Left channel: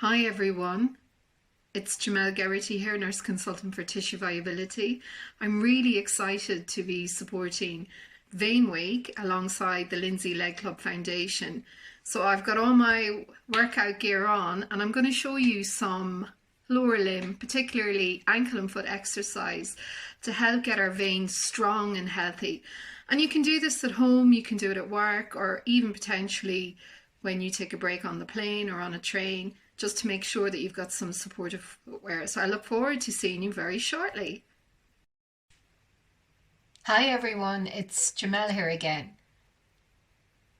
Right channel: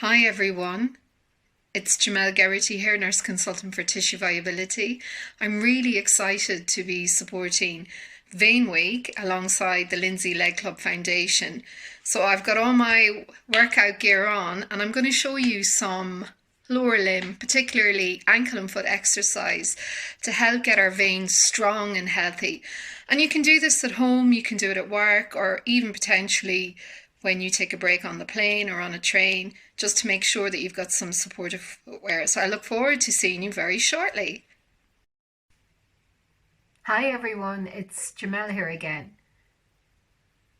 Hi everyone, it's Jemell Geraghty here, nurse consultant for tissue viability. I'm really excited to be supporting Vein Week alongside the Lindsay Leg Club Foundation. So I've got all my workout gear on and I'm going to show you some lower limb, particularly ankle and foot exercise to help get our veins strong and healthy. And you can do this at home, you can do it at work, or even potentially when you take a break on the plane or on a train, just to make sure that you've got some supportive footwear. So I look forward to seeing you very shortly. Hi everyone, it's Jemell here again.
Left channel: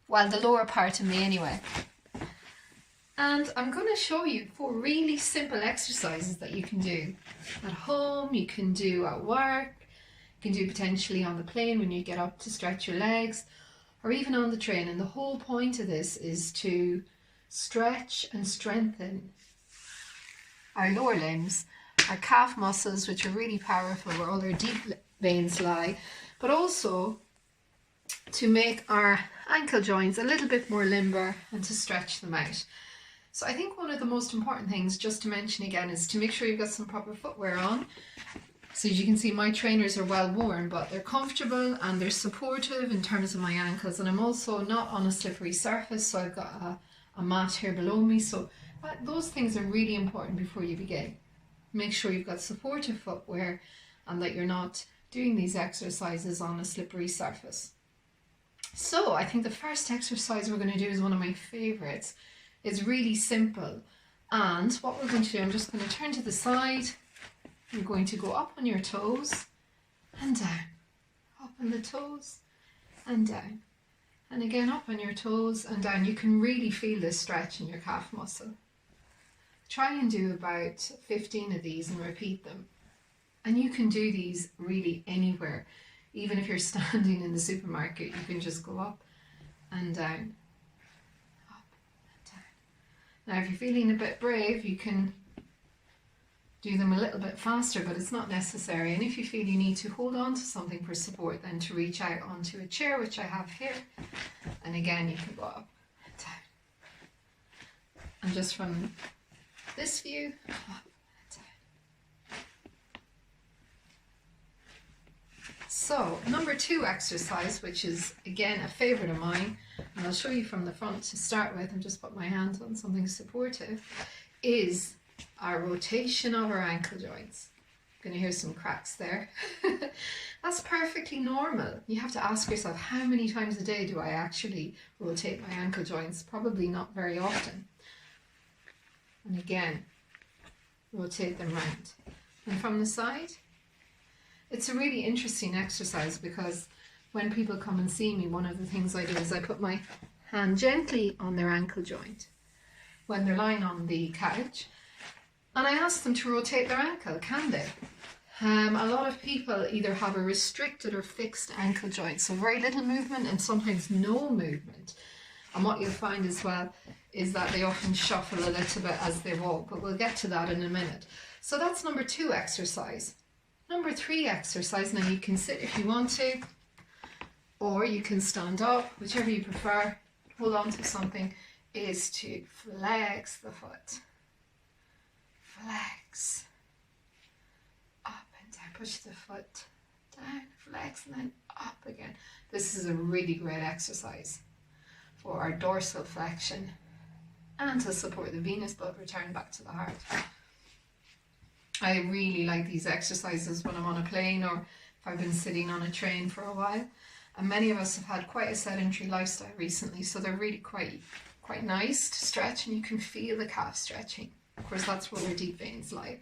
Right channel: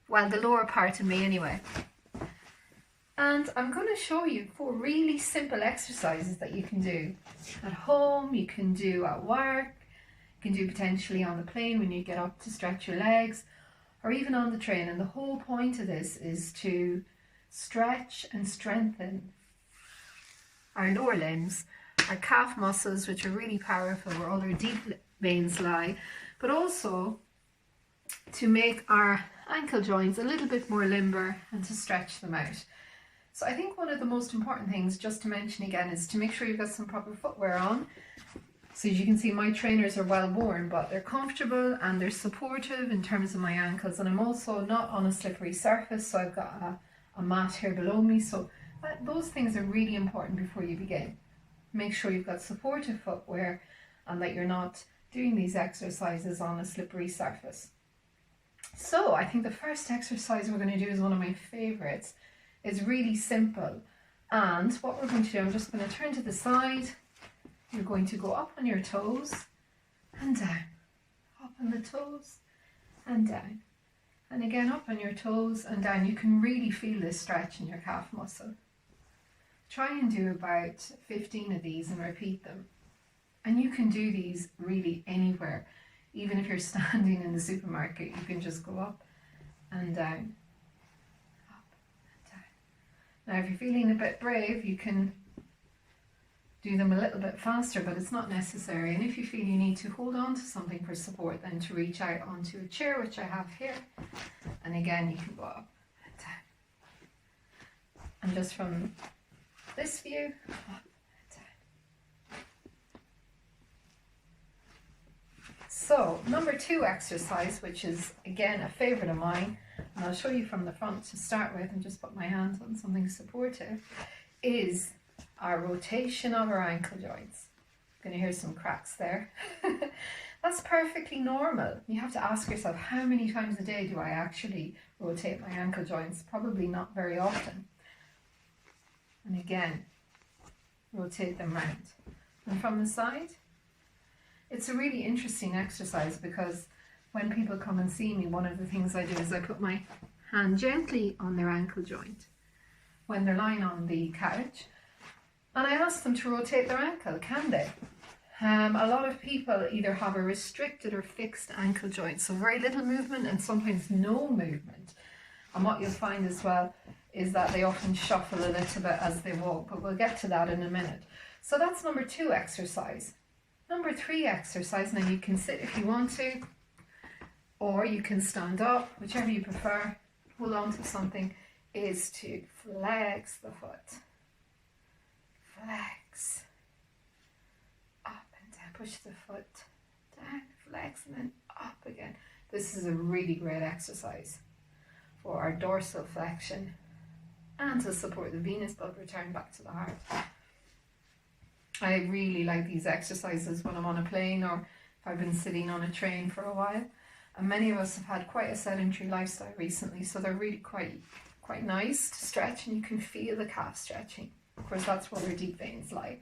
Well, the lower part of me anyway. And I'm going to show you 4 really simple exercises that you can do at home, you can do at work, you can do potentially on the plane when you get up to stretch your legs, or even on the train. And the whole point of this is to stretch and strengthen our lower limbs, our calf muscles, which are really powerful, where all our deep veins lie, but also to make our ankle joints a little bit more limber and to stretch them out. So I think one of the most important things, just to mention again, is to make sure you've got some proper footwear on. So as you can see, my trainers are well worn, but they're comfortable and they're supportive in terms of my ankles. And I'm also not on a slippery surface, so I've got a mat here below me. So those things are really important before you begin. Make sure you've got supportive footwear and that you're not doing these exercises on a slippery surface. So I think the first exercise we're going to do is one of my favorites. It's really simple. And what we're going to do, I'm just going to turn to the side. You're going to go up on your toes and down, up on the toes and down, and again up on your toes and down. You can really feel this stretch in your calf muscle. Try and do about 15 of these and repeat them. And you can do these really anywhere. Even if you're standing in the supermarket, you can just go up and down, up and down. Now if you're feeling a bit brave, you can do them a little bit faster, but it's not necessary. And if you feel you need to hold on to something for support, then to reach out onto a chair, which I have here. And again, you can go up and down. And just from this view, up and down. So, number 2 exercise, which is again a favorite of mine, and I'll show you from the front to start with and just put my hand on something supportive, is our rotation of our ankle joints. Going to hear some cracks there. That's perfectly normal. You have to ask yourself, how many times a day do I actually rotate my ankle joints? Probably not very often. And again, rotate them round. And from the side, it's a really interesting exercise because when people come and see me, one of the things I do is I put my hand gently on their ankle joint when they're lying on the couch. And I ask them to rotate their ankle, can they? A lot of people either have a restricted or fixed ankle joint, so very little movement and sometimes no movement. And what you'll find as well is that they often shuffle a little bit as they walk, but we'll get to that in a minute. So that's number 2 exercise. Number 3 exercise, now you can sit if you want to, or you can stand up, whichever you prefer, hold on to something, is to flex the foot. Flex, up and down, push the foot down, flex, and then up again. This is a really great exercise for our dorsal flexion and to support the venous blood return back to the heart. I really like these exercises when I'm on a plane or if I've been sitting on a train for a while. And many of us have had quite a sedentary lifestyle recently, so they're really quite nice to stretch, and you can feel the calf stretching. Of course, that's where their deep veins lie.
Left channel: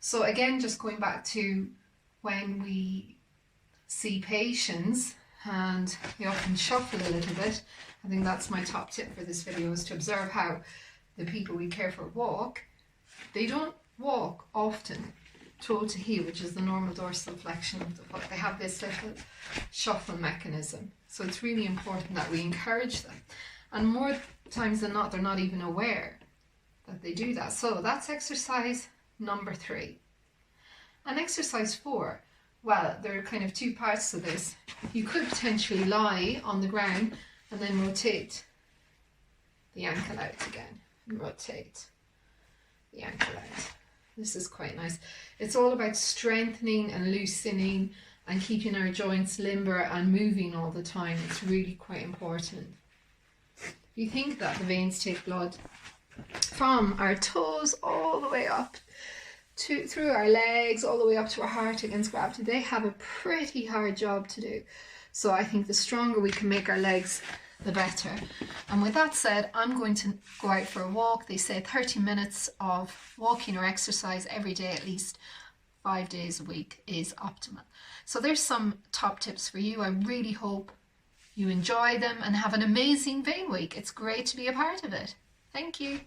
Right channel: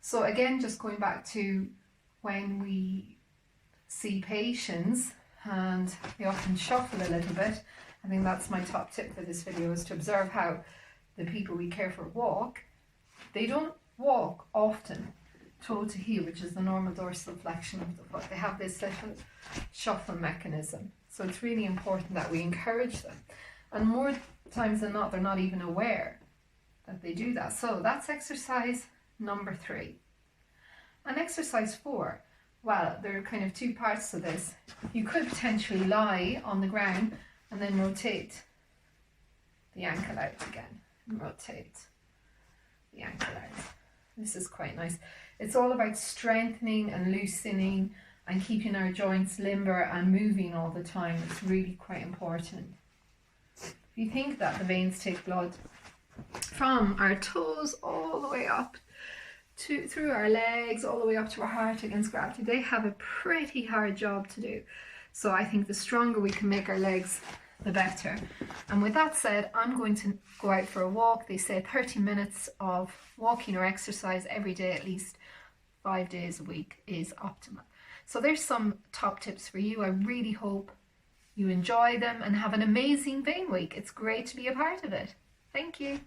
So again, just going back to when we see patients and they often shuffle a little bit, I think that's my top tip for this video, is to observe how the people we care for walk. They don't walk often toe to heel, which is the normal dorsal flexion of the foot. They have this little shuffle mechanism. So it's really important that we encourage them. And more times than not, they're not even aware that they do that. So that's exercise number 3. And exercise 4, well, there are kind of 2 parts to this. You could potentially lie on the ground and then rotate the ankle out again and rotate the ankle out. This is quite nice. It's all about strengthening and loosening and keeping our joints limber and moving all the time. It's really quite important. You think that the veins take blood from our toes all the way up through our legs, all the way up to our heart against gravity. They have a pretty hard job to do. So I think the stronger we can make our legs, the better. And with that said, I'm going to go out for a walk. They say 30 minutes of walking or exercise every day, at least 5 days a week, is optimal. So there's some top tips for you. I really hope you enjoy them and have an amazing vein week. It's great to be a part of it. Thank you.